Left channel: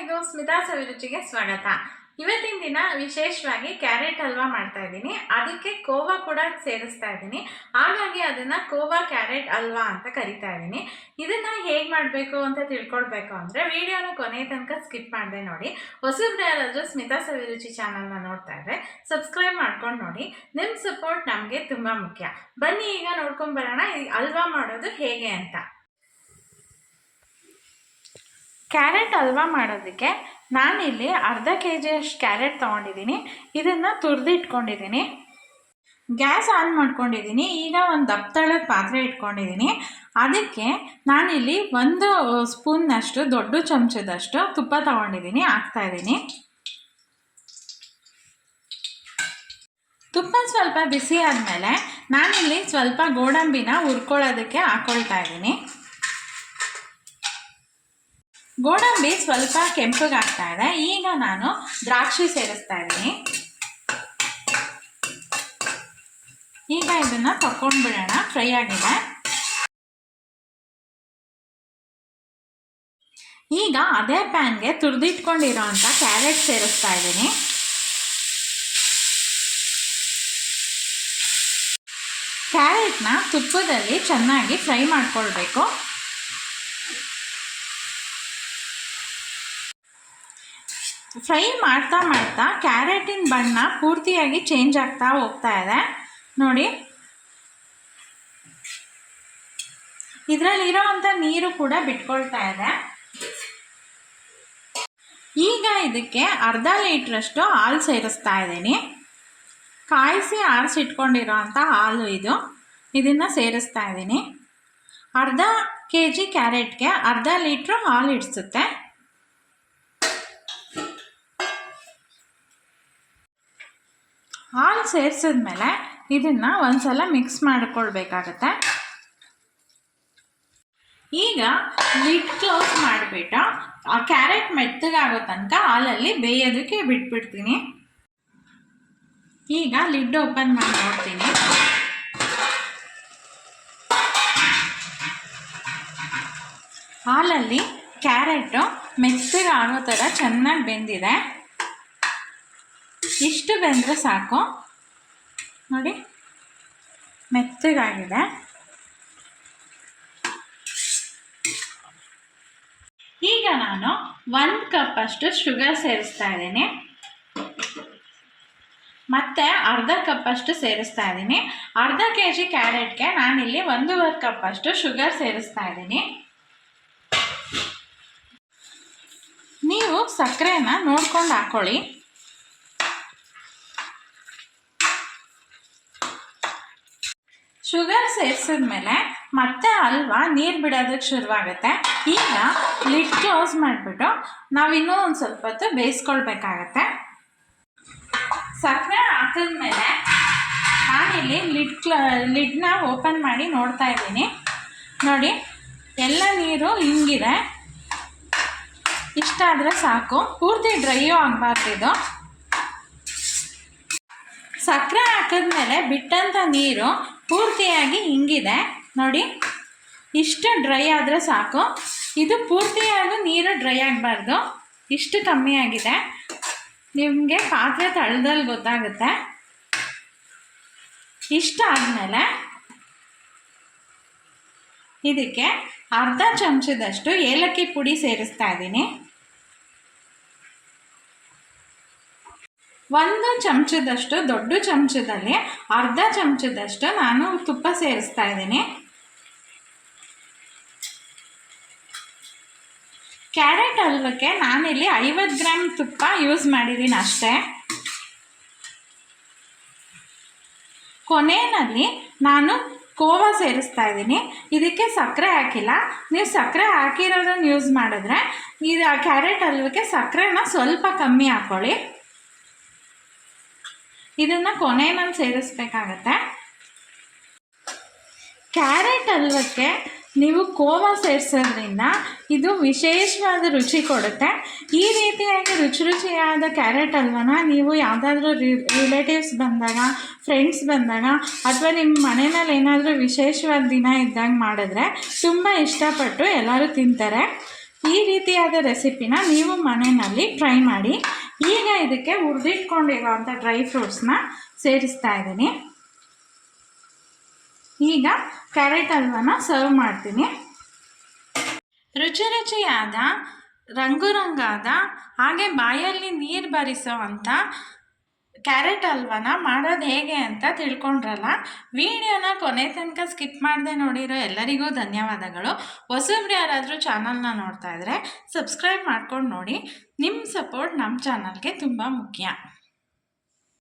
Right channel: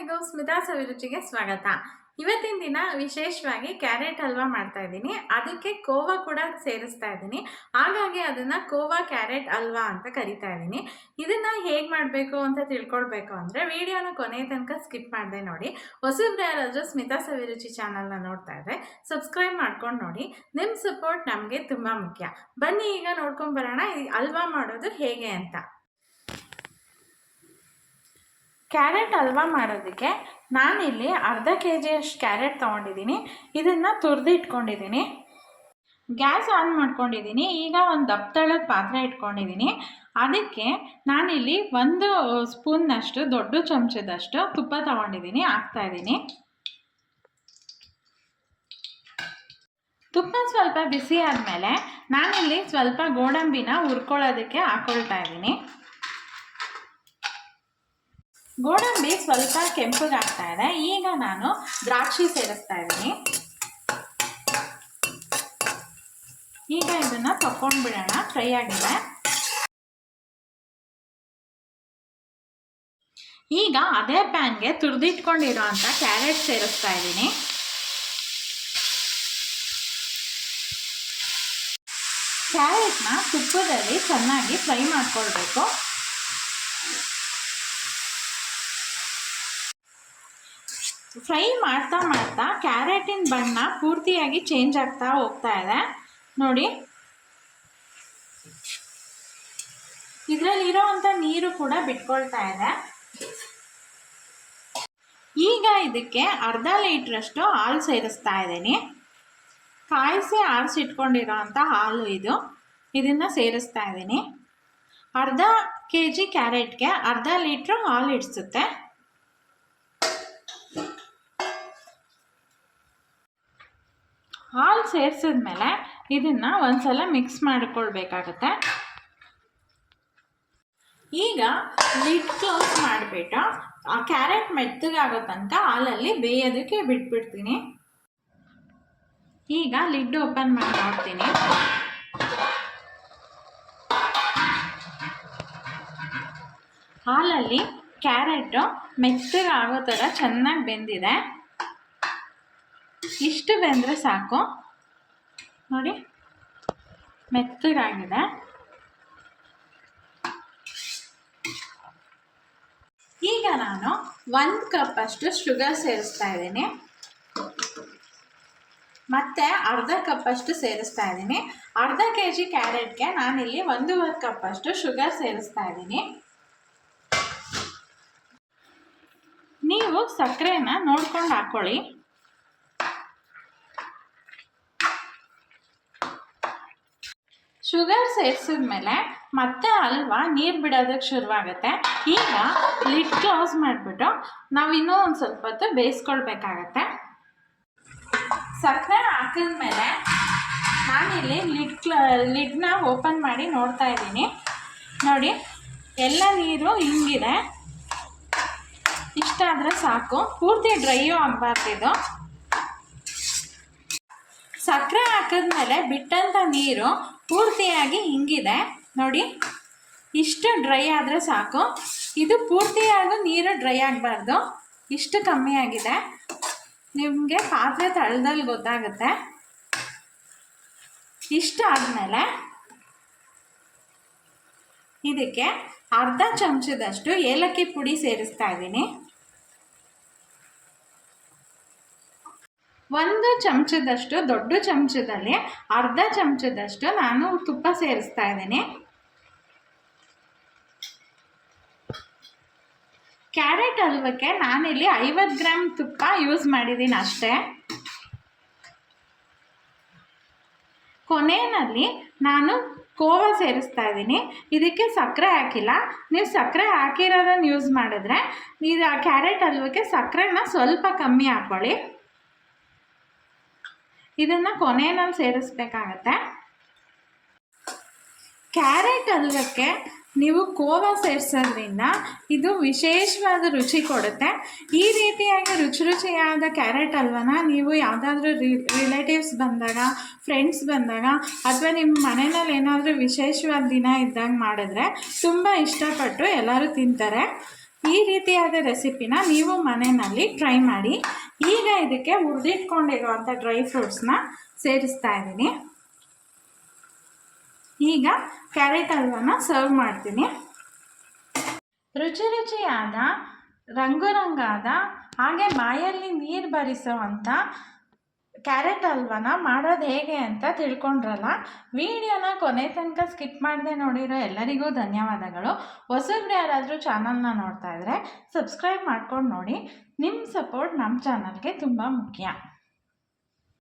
ಎಲ್ಲರಿಗೂ ಸ್ಮಿತಾ ಸವಿರುಚಿಗೆ ಸ್ವಾಗತ. ಇವತ್ತಿನ ದಿನ ವಿಶೇಷವಾಗಿ ಕ್ಯಾರೆಟ್ ಹಲ್ವಾ ಮಾಡ್ತಾ ಇದ್ದೀನಿ. ಅದಕ್ಕೆ ಕೋವಾ ಕೂಡ ಸೇರಿಸ್ತಾ ಇದ್ದೀನಿ. ಹಾಗಾಗಿ ಅದನ್ನು ಕೋವಾ ಕ್ಯಾರೆಟ್ ಹಲ್ವಾ ಅಂತ ಕರಿತಾ ಇದ್ದೀನಿ. ಇದನ್ನು ಹೇಗೆ ಮಾಡಬೇಕು ಅಂತ ತಿಳ್ಕೊಳ್ಬೇಕು ಅಂದರೆ ವಿಡಿಯೋನ ಕೊನೆ ತನಕ ಸ್ಕಿಪ್ ಮಾಡದೆ ನೋಡಿ. ಹೊಸಬ್ರು ಯಾರಾದರೂ ಸ್ಮಿತಾ ಸವಿರುಚಿ ಚಾನಲ್ನ ನೋಡ್ತಾ ಇದ್ದರೆ ಸಬ್ಸ್ಕ್ರೈಬ್ ಮಾಡ್ಕೊಂಡು ನೋಡಿ. ನಿಮ್ಮ ಸಪೋರ್ಟ್ ನಮಗೆ ತುಂಬ ಮುಖ್ಯ. ಬನ್ನಿ ಈಗ ನೋಡ್ಕೊಂಬರೋಣ ಈ ಹಲ್ವಾ ಮಾಡೋದು ಹೇಗೆ ಅಂತ. ಕ್ಯಾರೆಟ್ ಹಲ್ವಾ ಮಾಡೋದಕ್ಕೆ ನಾನಿಲ್ಲಿ ಅರ್ಧ kg ಅಷ್ಟು ಕ್ಯಾರೆಟ್ ತೊಗೊಂಡಿದ್ದೀನಿ. ಇದನ್ನು ತುರಿದು ಇಟ್ಕೊಂಡಿದ್ದೀನಿ. ಗ್ಯಾಸ್ ಆನ್ ಮಾಡ್ಕೊಂಡಿದ್ದೀನಿ. ಈಗ ಒಂದು ದಪ್ಪ ಪಾತ್ರೆ ಇಟ್ಕೊಂಡಿದ್ದೀನಿ. ಅದಕ್ಕೆ ನಾನಿಲ್ಲಿ 1 ಸ್ಪೂನ್ನಷ್ಟು ದೊಡ್ಡ ಚಮಚದಷ್ಟು ತುಪ್ಪ ತೊಗೊಂಡಿದ್ದೀನಿ, ಹಾಕ್ತಾಯಿದ್ದೀನಿ. ತುಪ್ಪ ಸ್ವಲ್ಪ ಬಿಸಿ ಆದಮೇಲೆ ನಾನಿಲ್ಲಿ ಸ್ವಲ್ಪ ಗೋಡಂಬಿನ ಹುರ್ಕೊಳ್ಳೋದಕ್ಕೆ ಹಾಕ್ಕೊಳ್ತಾ ಇದ್ದೀನಿ. ಗೋಡಂಬಿ ಸ್ವಲ್ಪ ಕೆಂಪಗೆ ಆಗ್ತಾ ಇದೆ. ಈಗ ನಾನು ದ್ರಾಕ್ಷಿ ಸೇರಿಸ್ತಾ ಇದ್ದೀನಿ. ಈಗ ಇದನ್ನು ತಗೊಂಡ್ಬಿಡೋಣ. ಫ್ರೈ ಆಗಿದೆ. ಈಗ ಅದೇ ಪ್ಯಾನ್ಗೆ ತುರಿದಿಟ್ಕೊಂಡಿರೋ ಅಂಥ ಕ್ಯಾರೆಟ್ ಸೇರಿಸ್ತಾ ಇದ್ದೀನಿ. ಕ್ಯಾರೆಟ್ನ ತುಪ್ಪದಲ್ಲಿ ಚೆನ್ನಾಗಿ ಫ್ರೈ ಮಾಡ್ಕೊಳ್ಬೇಕು. ಫ್ರೈ ಮಾಡ್ತಾ ಮಾಡ್ತಾ ಕ್ಯಾರೆಟಿನ ಬಣ್ಣ ಪೂರ್ತಿಯಾಗಿ ಚೇಂಜ್ ಆಗ್ತಾ ಹೋಗ್ತಾ ಇದೆ ನೋಡಿ. ಇದರಲ್ಲಿರೋ ಅಂಥ ನೀರು ಕೂಡ ಬಿಟ್ಕೊಳ್ತಾ ಇದೆ. ಈಗ ಇದಕ್ಕೆ ಅರ್ಧ ಲೀಟ್ರಷ್ಟು ಹಾಲು ಸೇರಿಸ್ತಾ ಇದ್ದೀನಿ. ಕಾಯಿಸಿ ಆರಿಸಿಟ್ಕೊಂಡಿರೋ ಅಂಥ ಹಾಲು ಇದನ್ನು ಸೇರಿಸ್ತಾ ಇದ್ದೀನಿ. ಅರ್ಧ kg ಕ್ಯಾರೆಟ್ಗೆ ಅರ್ಧ ಲೀಟ್ರು ಹಾಲು ಇಡಿಸುತ್ತೆ. ಹಾಲು ಸೇರಿಸಿದ್ಮೇಲೆ ಇದನ್ನು ಒಂದು ಸಲ ಮಿಕ್ಸ್ ಮಾಡಿಕೊಳ್ಬೇಕಾಗತ್ತೆ. ಈಗ ಲಿಡ್ ಕ್ಲೋಸ್ ಮಾಡಿಬಿಟ್ಟು ಆ ಕ್ಯಾರೆಟ್ ಮೆತ್ತಗಾಗೋ ತನಕ ಹಾಲಲ್ಲಿ ಬೇಯೋದಕ್ಕೆ ಬಿಟ್ಬಿಡ್ತೀನಿ. ಈಗ ಲಿಡ್ ಓಪನ್ ಮಾಡಿ ನೋಡ್ತೀನಿ. ಹಾಲಲ್ಲಿ ಕ್ಯಾರೆಟು ಮೆತ್ತಗಾಗೋ ಥರ ಚೆನ್ನಾಗಿ ಬೆಂದಿದೆ. ಇಷ್ಟು ಬೆಂದರೆ ಸಾಕು ನೋಡಿ, ಮೆತ್ತಗಾಗಿದೆ. ಈಗ ನಾನು 1 ಕಪ್ಪಷ್ಟು ಶುಗರ್ ಸೇರಿಸ್ತಾ ಇದ್ದೀನಿ. ಮತ್ತು ಅರ್ಧ ಕಪ್ಪಷ್ಟು ಸೇರಿಸ್ತಾ ಇದ್ದೀನಿ. ಅರ್ಧ kg ಕ್ಯಾರೆಟ್ಗೆ ನಾನಿಲ್ಲಿ 1.5 ಕಪ್ಪಷ್ಟು ಶುಗರ್ ಸೇರಿಸ್ತಾ ಇದ್ದೀನಿ. ನೀವು ಸಕ್ಕರೆನ ನೋಡ್ಕೊಂಡು ಹಾಕ್ಕೊಳ್ಳಿ. ಶುಗರ್ ಸೇರಿಸಿದ್ಮೇಲೆ ಮತ್ತೆ ಹಲ್ವಾ ನೀರು ಬಿಡೋದಕ್ಕೆ ಶುರುವಾಗುತ್ತೆ. ಈಗ ಲಿಡ್ ಕ್ಲೋಸ್ ಮಾಡಿಬಿಟ್ಟು ನಾವಿನ್ನೂ ಒಂದು ಸ್ವಲ್ಪ ಹೊತ್ತು ಬೇಯಿಸ್ಕೊಳ್ಬೇಕಾಗತ್ತೆ. ಸಕ್ಕರೆ ಹಾಕಿದ್ಮೇಲೆ ನಾನಿಲ್ಲಿ ಲಿಡ್ನ ಓಪನ್ ಮಾಡಿ ನೋಡ್ತಾ ಇದ್ದೀನಿ ನೋಡಿ. ಎಲ್ಲ ನೀರು ಹಿಂಗಿದೆ. ಇಷ್ಟಾದರೆ ಸಾಕು, ಪೂರ್ತಿ ಡ್ರೈಯೂ ಆಗಬಾರ್ದಿದು. ಸಕ್ಕರೆ ಹಾಕಿದ್ಮೇಲೆ ಬಿಟ್ಟಂಥ ನೀರು ಪೂರ್ತಿಯಾಗಿ ಹಿಂಗಿದೆ ನೋಡಿ. ಇಷ್ಟು ಡ್ರೈ ಆದರೆ ಸಾಕು. ಇದು ಪೂರ್ತಿಯಾಗಿ ನೀರು ಡ್ರೈ ಆಗಬಾರ್ದು. ಇಷ್ಟು ಕಮ್ಮಿ ಆಗಿದೆ. ನಿಮಗೆ ಪಾತ್ರೆ ತಳದಲ್ಲಿ ಗೊತ್ತಾಗುತ್ತೆ. ಇಷ್ಟು ಆದಮೇಲೆ ಇದಕ್ಕೆ ಅರ್ಧ ಚಮಚದಷ್ಟು ಏಲಕ್ಕಿ ಪುಡಿ ಸೇರಿಸ್ತಾ ಇದ್ದೀನಿ. 1 ಚಮಚದಷ್ಟು ದೊಡ್ಡ ಚಮಚದಲ್ಲಿ ಅರ್ಧ ಚಮಚದಷ್ಟು ನಾನು ತುಪ್ಪ ಸೇರಿಸ್ತಾ ಇದ್ದೀನಿ. ಕ್ಯಾರೆಟ್ ಹಲ್ವಕ್ಕೆ ನಾನಿಲ್ಲಿ 50 ಗ್ರಾಮ್ ತುಪ್ಪ ಯೂಸ್ ಮಾಡಿದ್ದೀನಿ ಅಷ್ಟೇ. ಕೊನೆಯಲ್ಲಿ ನಾನು ಕೋವಾ ಸೇರಿಸ್ತಾ ಇದ್ದೀನಿ. ಇದಕ್ಕೆ ಸಕ್ಕರೆ ಹಾಕಿಲ್ಲ. ನೀವು ಸಕ್ಕರೆ ಹಾಕಿರೋದನ್ನು ಯೂಸ್ ಮಾಡಿದ್ರೆ ಇದು ಕ್ಯಾರೆಟ್ ಹಲ್ವಕ್ಕೆ ಸಕ್ಕರೆನ ಸ್ವಲ್ಪ ಕಮ್ಮಿ ಹಾಕ್ಕೊಳ್ಳಿ. ಇದನ್ನು ಕೊನೆಯಲ್ಲಿ ಸೇರಿಸ್ಬೇಕಾಗತ್ತೆ. ಕ್ಯಾರೆಟ್ ಹಲ್ವಕ್ಕೆ ನೀವು ಕೋವಾ ಸೇರಿಸೋದ್ರಿಂದ ಇದು ವಿಶೇಷವಾದ ರುಚಿ ಕೊಡುತ್ತೆ. ಈ ರೀತಿಯಾಗಿ ರುಚಿಯಾದ ಕ್ಯಾರೆಟ್ ಹಲ್ವನ ನೀವು ಯಾವುದಾದ್ರೂ ರಿಲೇಟಿವ್ಸ್ ಬಂದಾಗ, ಫ್ರೆಂಡ್ಸ್ ಬಂದಾಗ ಅಥವಾ ನಿಮ್ಮ ಮನೆಯಲ್ಲಿ ಏನಾದರೂ ವಿಶೇಷವಾದ ದಿನ ಇದ್ದಾಗ ಮಾಡಿದ್ರೆ ತುಂಬ ಇಷ್ಟಪಟ್ಟು ಎಲ್ಲರೂ ತಿಂತಾರೆ. ಈ ರೀತಿಯಾದ ರೆಸಿಪಿನ ನೀವು ಮನೆಯಲ್ಲಿ ಟ್ರೈ ಮಾಡಿ. ಈಗ ಇದಕ್ಕೆ ಹುರಿದಿಟ್ಕೊಂಡಿರೋವಂಥ ಡ್ರೈ ಫ್ರೂಟ್ಸ್ನ ಸೇರಿಸ್ತಾ ಇದ್ದೀನಿ. ಈಗ ಕ್ಯಾರೆಟ್ ಹಲ್ವಾನ ಸರ್ವ್ ಮಾಡ್ತೀನಿ. ರುಚಿ ರುಚಿಯಾದ ರಂಗಾದ ಹಾಗೆ ಬಾಯಲ್ಲಿ ನೀರು ಬರಿಸೋ ಅಂಥ ಕ್ಯಾರೆಟ್ ಹಲ್ವಾನ ಮಾಡೋದು ಹೇಗೆ ಅಂತ ತಿಳ್ಕೊಂಡ್ರಲ್ಲ. ವಿಡಿಯೋನ ಕೊನೆ ತನಕ ಸ್ಕಿಪ್ ಮಾಡದೆ ನೋಡಿರೋ ಎಲ್ಲರಿಗೂ ಧನ್ಯವಾದಗಳು. ಹೊಸಬ್ರು ಯಾರಾದರೂ ಚಾನಲ್ನ ನೋಡ್ತಾ ಇದ್ದರೆ ಸಬ್ಸ್ಕ್ರೈಬ್ ಮಾಡ್ಕೊಂಡು ನೋಡಿ. ನಿಮ್ಮ ಸಪೋರ್ಟ್ ನಮ್ಮ ಚಾನಲ್ಗೆ ತುಂಬ ಮುಖ್ಯ.